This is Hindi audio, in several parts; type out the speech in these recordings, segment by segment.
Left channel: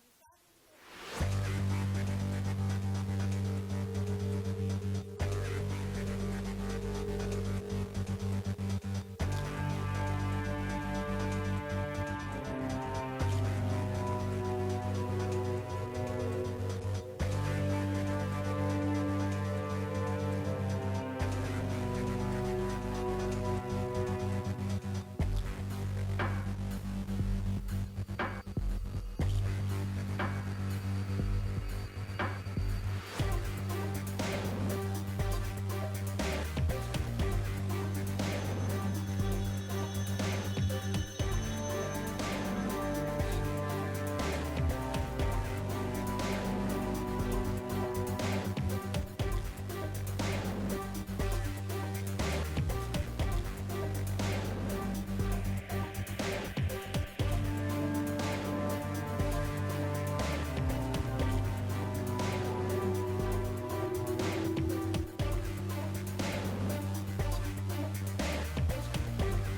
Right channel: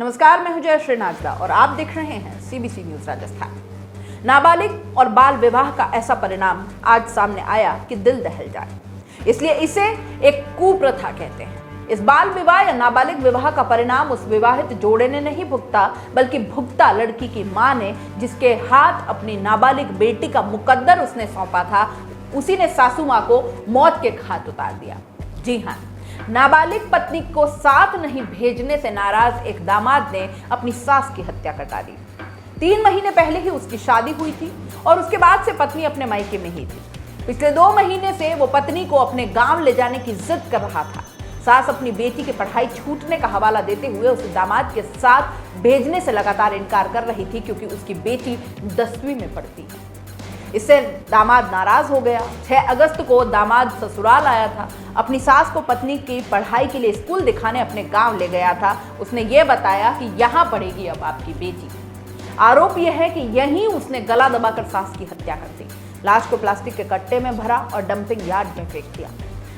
नमस्कार, मैं हूं जयश्री नागरा और आप देख रहे हैं सीबीसी न्यूज राजस्थान। नाबालिग और बाल विवाह का ऐसा परिणाम आज सामने आया कि दिल दहल जाए, इसलिए इसे एक कुप्रथा कहते हैं। इस बाल विवाह या नाबालिग विवाह का परिणाम उस विवाहित जोड़े ने नहीं भुगता, बल्कि भुगता लड़की की मां ने, जिसके हाथ अपनी नाबालिग बेटी का मुकद्दर उसने सौंपा था। उसी ने सासू मां को मौत के घाट उतार दिया। जी हाँ, नाबालिग पत्नी को साथ नहीं भेजने से नाराज एक दामाद ने अपनी सास की हत्या कर डाली। 3 महीने पहले ही उसकी शादी हुई थी और उसके बाद से पत्नी अपने मायके में ही थी। पिछले 2 महीने से वो पत्नी को अपने गांव ले जाने की जिद कर रहा था। सास अपनी बेटी की पढ़ाई छूटने का हवाला देते हुए उसे दामाद के साथ भेजने से लगातार इनकार कर रही थी, क्योंकि उसकी बेटी 10वीं में पढ़ती। इससे दामाद नाराज हो गया। 6 अगस्त को दामाद ससुराल आया था। अपनी सास को पत्नी की पढ़ाई के लिए स्कूल दिखाने अपने गांव ले गया था। उसने ये बताया कि यहाँ पढ़ेगी अब आपकी बेटी। आरोप यह है कि यहीं उसने गला दबाकर सास की हत्या कर दी। लाश को प्लास्टिक के कट्टे में भरा और डंपिंग यार्ड में फेंक दिया।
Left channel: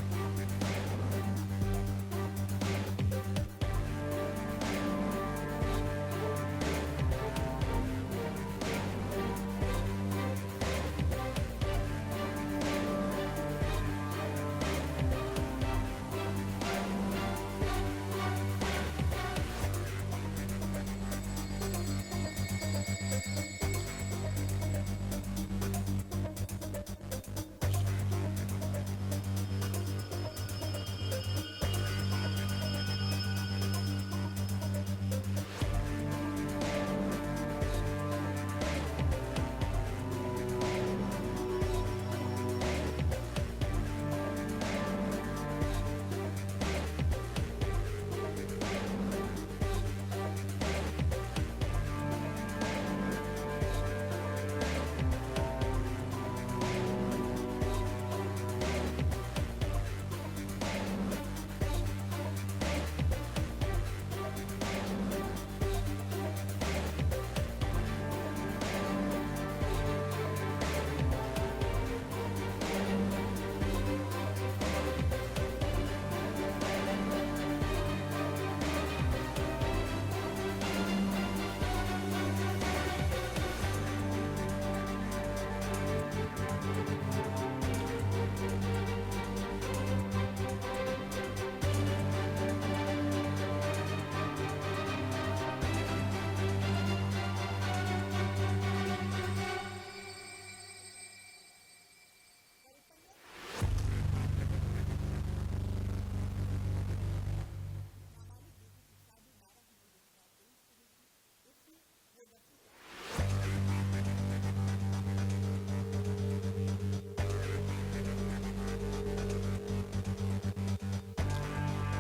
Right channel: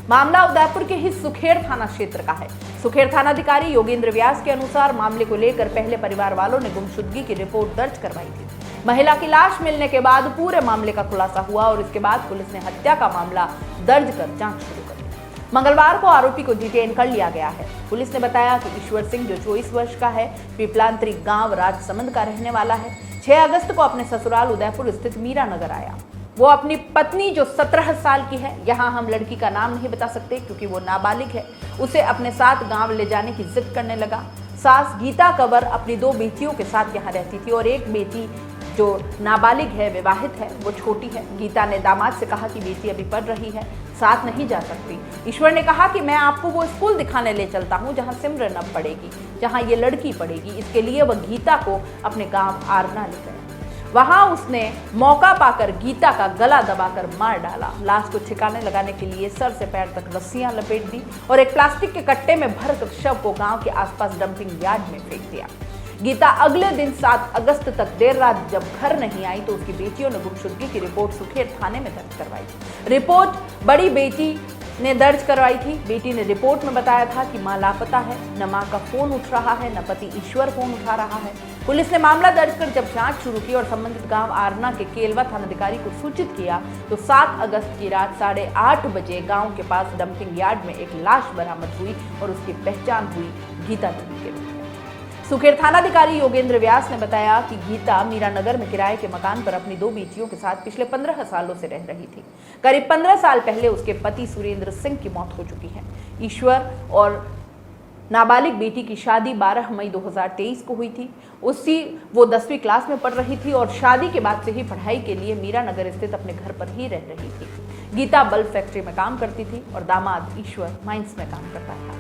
मामला उदयपुर के ही सुखेड़ थाना क्षेत्र का है। सुखेड़ थानाधिकारी योगेंद्र व्यास के अनुसार मामले को लेकर पहले परिवार वालों ने गुमशुदगी की रिपोर्ट दर्ज करवाई थी। महिला की लाश मिलने के बाद पूरे मामले का खुलासा हुआ और इसके बाद पुलिस ने हत्या का मामला दर्ज कर जांच शुरू कर दी। मंगलवार को आरोपी को डिटेन कर लिया गया है। पुलिस ने बताया कि ईश्वर सिंह, जो 24 वर्ष का है, पीपलांतरी गांव राजसमंद का रहने वाला है, 6 अगस्त को अपने ससुराल उदयपुर स्थित मीरा नगर आया। वो अपनी पत्नी, जो 17 साल की है, यहाँ हम लड़की का नाम नहीं बता सकते क्योंकि वो नाबालिग है, उसे अपने साथ गांव ले जाने की जिद करने लगा। सास गीता कंवर अपनी 2 बेटियों के साथ यहाँ रहती थी और एक बेटी जो नाबालिग है, विवाहित है, वो छोटी है। गीता ने दामाद से कहा कि बेटी अभी पढ़ रही है, साथ नहीं जा सकती। ईश्वर ने कहा कि मैं आपको वो स्कूल दिखाने ले चलता हूँ जहाँ सिमरन अब पढ़ेगी, जहाँ ये लड़की पढ़ेगी। इसके लिए वह गीता को अपने गांव आरना ले गया। वहां उसने मौका पाकर गीता का गला दबाकर मार डाला। लाश को ठिकाने लगाने के लिए सर से पैर तक रस्सियां लपेट दी और एक प्लास्टिक के कट्टे में भरकर शव को गांव के आसपास डंपिंग यार्ड में फेंक दिया। गीता अगले दिन 7 अगस्त तक देर रात जब घर नहीं आई तो उसकी बेटियों ने गुमशुदगी की रिपोर्ट सुखेड़ थाने में दर्ज करवाई। रिपोर्ट बड़ी बेटी ने दर्ज करवाई थी। बेटी ने रिपोर्ट में बताया था कि मां लापता है, न मां का फोन उठ रहा है, न पति ईश्वर फोन उठा रहा है। पुलिस ने मामला दर्ज कर जब जांच शुरू की और संबंधित गांव आरना के केलवा थानाधिकारी को सूचित किया तो 7 अगस्त की रात 8:30 बजे गांव के पास डंपिंग यार्ड में एक लाश बरामद हुई और उसकी पहचान हुई गीता देवी के रूप में। सुखेड़ थानाधिकारी योगेंद्र व्यास ने बताया कि गीता मीरा नगर में किराए के मकान पर अपनी 2 बेटियों के साथ पिछले 15 सालों से रह रही थी। करीब 15 साल पहले उसके पति सुरेंद्र सिंह की मौत हो चुकी है। ईश्वर और नाबालिग बेटी की शादी 12 मई 2023 को हुई थी। वो 10वीं क्लास में पढ़ रही थी और शादी के बाद से ही पढ़ाई के लिए मीरा नगर स्थित अपने घर पर ही रह रही थी। गीता बल्ब फैक्ट्री में काम करती थी और दामाद ईश्वर माइंस में काम करता था।